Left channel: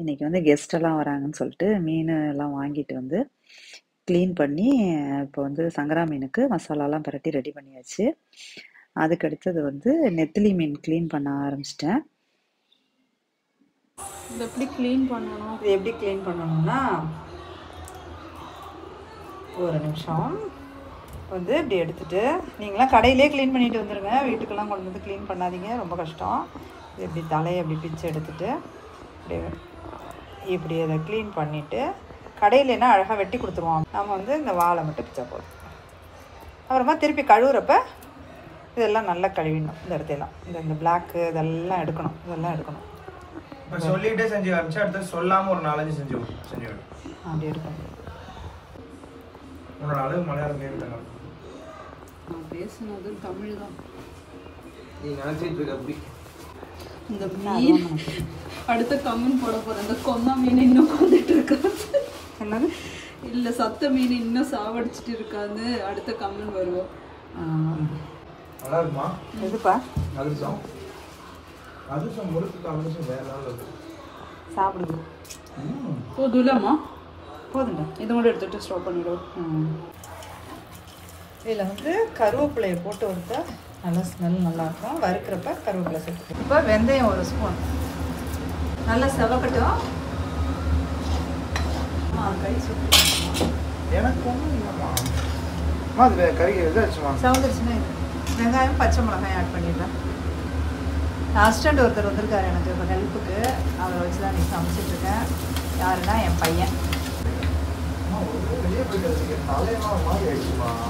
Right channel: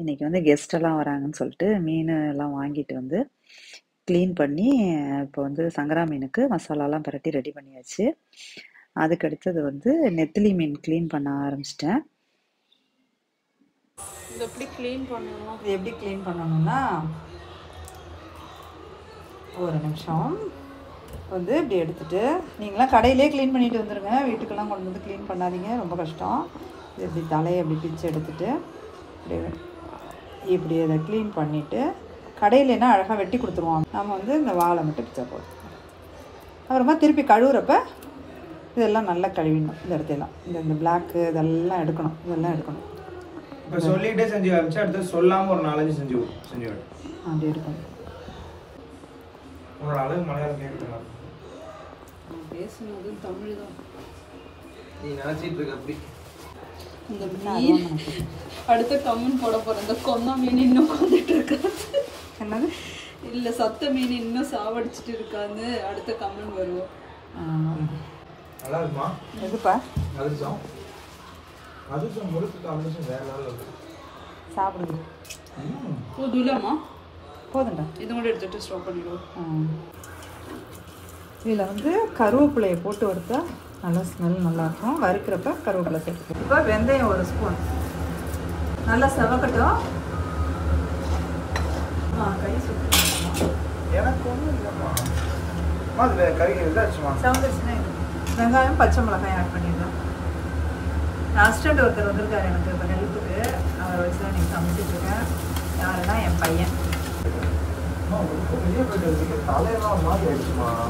இன்னைக்கு வந்து கெஸ்ட் எல்லாம் வராங்கன்னு சொல்லிட்டு மீன் எல்லாம் வாங்கிட்டு வந்து க்ளீன் பண்ணி இப்போ வந்து சங்கரா மீனுக்கு மசாலாலாம் பரட்டி ரெடி பண்ணியாச்சு. அதுக்கு அடுத்தது வந்து நெத்திலி மீன் க்ளீன் பண்ண ஆரம்பிச்சிட்டேன். இது எப்படி க்ளீன் பண்ணணும்? இது எப்படி க்ளீன் பண்ணணும்னா ஒரு நிமிஷம் வந்து இப்படி எடுத்துட்டு நீங்களாம் கடையிலே க்ளீன் பண்ணிட்டு வந்துடுங்க. வீட்டுக்கெல்லாம் கொண்டு வந்து க்ளீன் பண்ணாதீங்க, ரொம்ப கஷ்டம். இப்படி தலையை இப்படி பிச்சு எடுத்துட்டு இப்படி அதை க்ளீன் பண்ணிவிட்டு கடையிலனா அழகாக வெட்டி கொடுத்துருவாங்க. நம்ம வந்து இந்த வாழை மட்டும் பிச்சப்போம். அப்புறமா திருப்பி கழுவுறப்ப இதெல்லாம் நல்லா கழுவிடணும். இந்த இடத்தையெல்லாம் இந்த பிளாக்கு இதெல்லாம் எடுக்கணும். இப்போ சொல்லிகிட்டே செஞ்சு காமிச்சு அடுத்து சொல்லாமல் ஒரு 4 செஞ்சு அப்படி எடுக்கணும். ஒரு நாள் மலையாளம் கேட்கணும். பேசுனது தமிழ் தான். நீ நினச்சிட்டு இருக்க அப்படி இந்த மீன் அடுத்த கம்மன் போட போற இந்த கொந்த மீன் இன்னும் கொண்டுட்டு இருக்காது. என்னது இல்ல சத்த மீன் இன்னும் சாவடிச்சுட்டு இருக்கான்னு அடுத்த கம்மன் வருவோம். நல்லா இருக்குமா? எதுப்பா அதிர்ஷ்டம் முழுக்க அதிர்ஷ்டம் வேற நாள் சாப்பிடுங்க. போதுலமா போதுண்டா. இது கூட எடுத்துட்டு ஸ்டாப் பண்ணிடுவோம். இதில் வந்து கருவேப்பிலையை போட்டு வறுத்தா நல்லா ஸ்மெல் நல்லாயிருக்கும். வறுக்கிறப்ப கருவேப்பிலை சேர்த்து. இப்போ வெந்தயம் 1 ஸ்பூன் நல்லா செவக்கட்டும். கை சுட்டு எனக்கு ஒன்றும் இல்லைம்மா. அது கறி இதாச்சுமா செவந்துச்சுன்னா வெங்காயம் பச்சை மிளகாய் ஆட் பண்ணிடுறேன். அசிஸ்டண்ட் ஒருத்தர் வந்திருக்காரு எனக்கு இப்போ ஹெல்ப்புக்கு. அவரை வச்சு தான் நீங்கள் சமைச்சிட்டு இருக்கேன். யாருன்னா என் பையன்.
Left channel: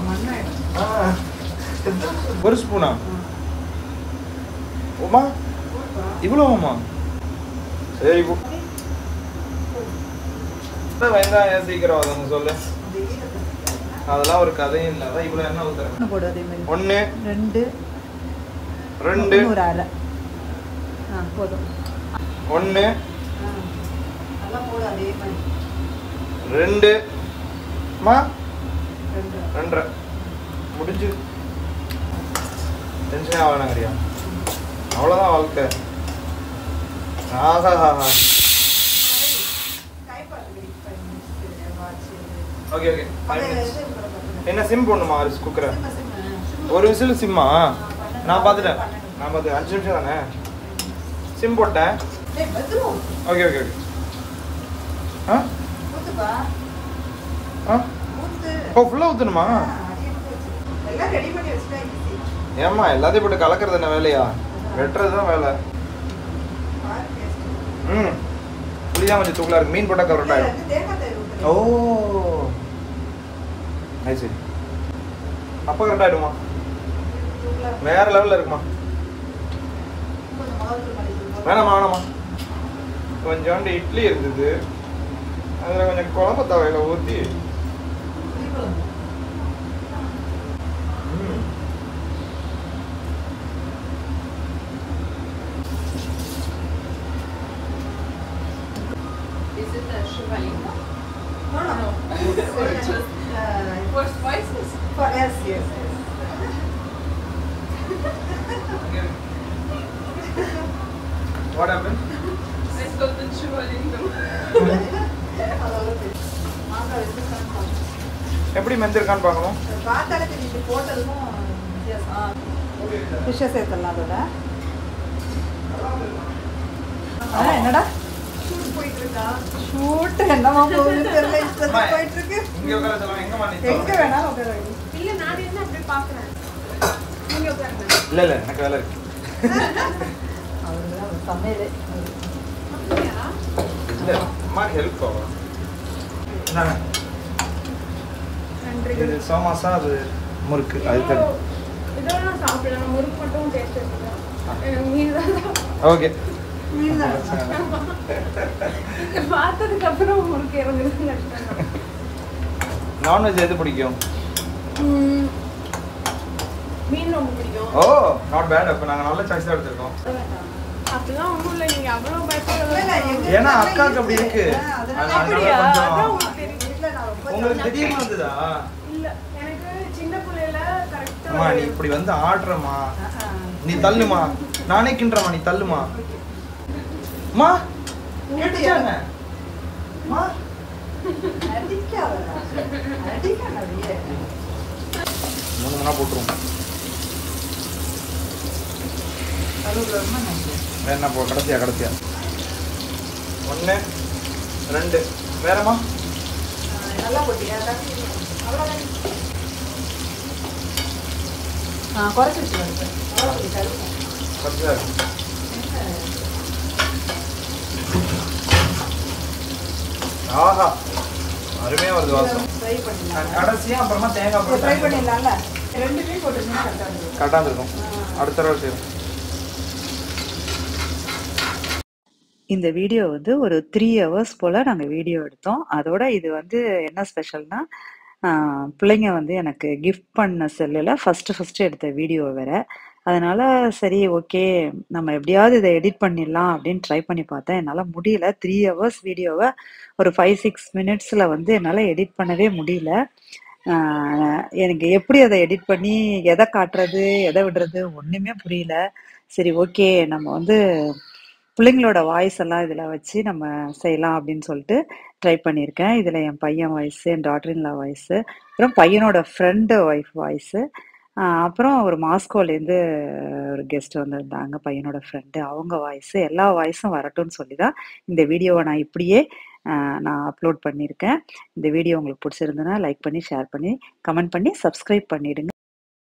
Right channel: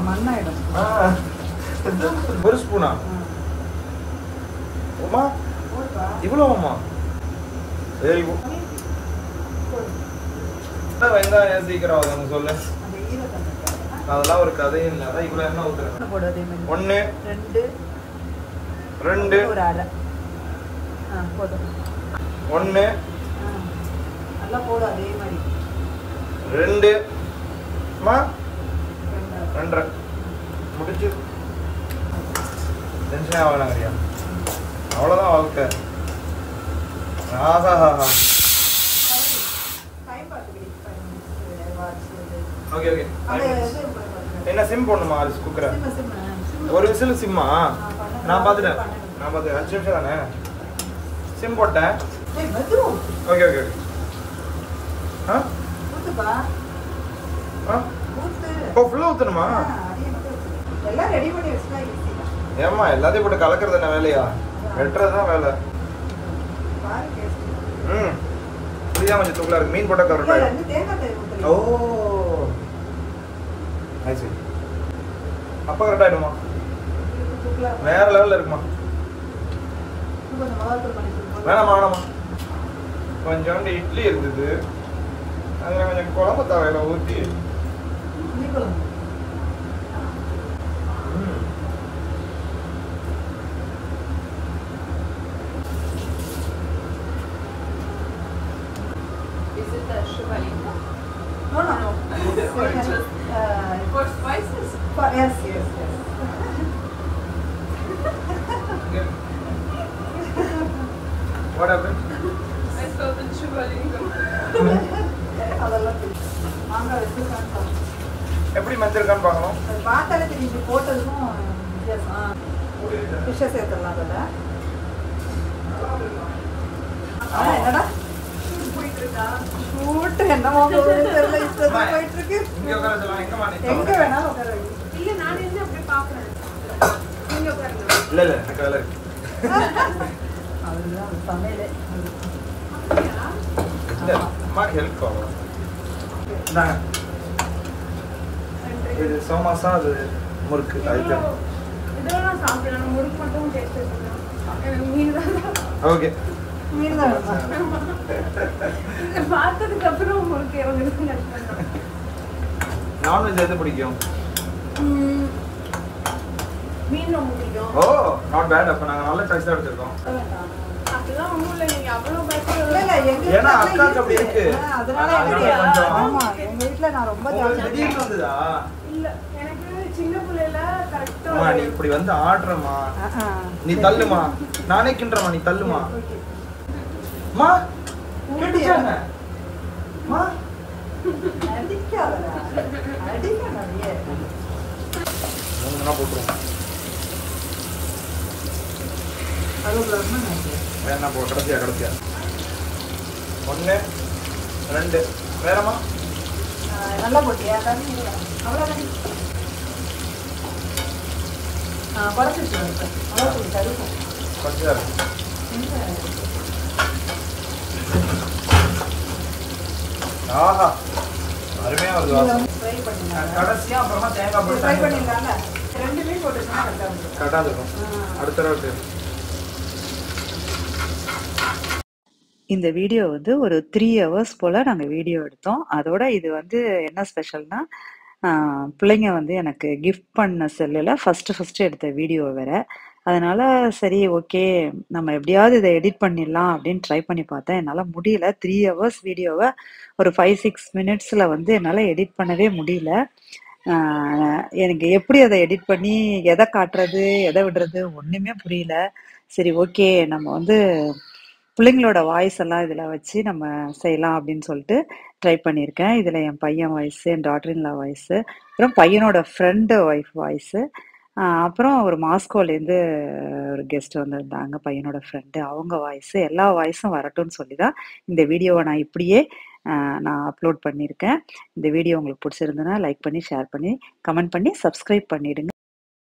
மண்ணாயிடும். 1 ஸ்பூனா? ஓமா இவ்வளோமா? Very good. வெங்காயம் சீக்கிரம் வதங்க சொல்லு. அதெல்லாம் ஒரு கதையும் இல்லை. அதான் இவ்வளோ என்ன ஊத்துறேன். 1 2 1 2 2 முடிச்சு டென்ஷனே ஆகலாங்கறியா? அவ்வளோதான் வாழ்க்கை. ஆஹா. ஓகே என்ன சிம் போடணுமா? குக்கரை ஒரு விசில் சிம்மா? நான் பார்த்துட்டேன் 5 நிமிஷம் தானே சிம் போட்டேன். ஓகே ஓ ஃபுல்லாக ஊற்றணுமா? ஏம்மா எல்லாத்தையும் போட்டு கலக்கிறது என்ன வேலையா? வெட்டுறது தான் வேலை. புரியாம கொஞ்சம் தூக்கலா இருக்கு. மீன் போட்டால் கரெக்டாக. ஓ சரி அப்போ கரெக்டாகிடுமா? வேற லெவலில் இருக்குமா? வேணாமா கொஞ்சோண்டு இட்லி இருந்தது, அதில் கொஞ்சம் குழம்பு தவையில ஊற்றி What happened? I called it Shivalingam. எப்படி மெஞ்சிருக்கான்னு பார்க்கணும். பார்த்தாலே தெரியுது. போட்டதுக்கும் ஃபிஷ்ஷை சேர்த்துடலாம். அதோட என்னடா போயிட்டு இருக்கா? ஷூட் என்னமா போயிட்டு இருக்கு. எங்க வேணாலும் உட்கார வைக்க. இல்ல நான் என்ன அப்படி பாக்குறேன். நீங்க உட்காருங்க. இல்ல எனக்கு வேலை இருக்கு. இல்ல அம்மா ஹெல்ப் ஆகும். இது சோமாசா, அது முறுக்கு. அது இதெல்லாம் சாப்பிடலாம். முறுக்கு மட்டும் டேஸ்ட் இருக்கு. மீன் தான். ஓகே மீன் தான் பார்த்ததுக்கு அப்புறம் முறுக்கு இறங்குதுங்க. நான்வெஜ் எது பிடிக்கும்? மீன் ரொம்ப பிடிக்கும். ஓ நாட் பேட். அப்ப நாங்க நல்ல சாய்ஸ் தான் எடுத்துருக்கோம். அதெல்லாம் ஒண்ணும் இல்லை. நீங்க அவ்வளவு பயப்படல. ஏன்னா அக்காவுக்கு அப்படி இருக்கு. அப்படியா? உங்களுக்கு திடீர்னு வந்ததா? இல்ல எனக்கு சின்ன பிள்ளைல கரெக்டா நீ இப்படி வந்து ஆடுறமா, நீ தள்ளுமா, நானே கிண்டுறமா, நீ தள்ளுமா. அம்மா கேட்டுச்சாங்க? அம்மா, மூணு மணி போட்டுருவோம். என்ன போ கடைசியா 1 2 வேறம்மா கொஞ்சம் ஆஹா அருமையா வருது வாசம். கடைசியா அப்புறமா தேங்காய் போட்டு கரெக்டாக இருக்கும். அடுத்த தடவை செய்யும். இந்த வீடியோ வந்து ஒரு 3 ஹவர்ஸ் போல் நாங்கள் வீடியோ எடுத்தோம். அதோட இது வந்து என்ன ஸ்பெஷல்னா, பிள்ளைங்க வந்து எனக்கு கிஃப்ட் பண்ண செல்லில் ஃபஸ்ட்டு எடுத்த வீடியோ வேறு. அதனால் சரி ஓகே நம்ம எப்படியாவது இதை எடிட் பண்ணிடலாம் அப்படின்னு ட்ரை பண்ணி பார்த்தேன். என்னால் முடியல. 3 ஹவர்ஸ் வீடியோவை ஒரு 5-6 மினிட்ஸில் வந்து என்னால் எடிட் பண்ணவே முடியல. எனக்கு எப்படி அதை எடிட் பண்ணி எதை காட்டுறது எதை விடுறது ஒன்றுமே புரியல. சரி ஓகே நம்ம வந்து பிள்ளைங்களோட வாய்ஸ் எல்லாம் இதில் வச்சு நம்ம செய்யலாம் அப்படின்னு சொல்லிட்டு ட்ரை பண்ணியிருக்கேன். இதில் என் பையன் வாய்ஸு, என் டாட்டரின்லா வாய்ஸு, அப்புறம் பையனோட ஃப்ரெண்டு ஒய்ஃப் வாய்ஸு, அப்புறம் ஒரு மாஸ்கோலேருந்து ஒரு கெஸ்ட் வந்திருந்தாங்க, பையனோட ஃப்ரெண்டு, அவங்க வாய்ஸு, எல்லா வாய்ஸும் வரட்டும்னு சொல்லி தான் இந்த வீடியோவை நான் இப்படியே நான் அப்லோட் பண்ணியிருக்கேன். இந்த வீடியோ உங்களுக்கு பிடிச்சிருந்ததுன்னா லைக் பண்ணி, ஷேர் பண்ணி, கமெண்ட் பண்ணி, சப்ஸ்கிரைப் பண்ணிவிடுங்க.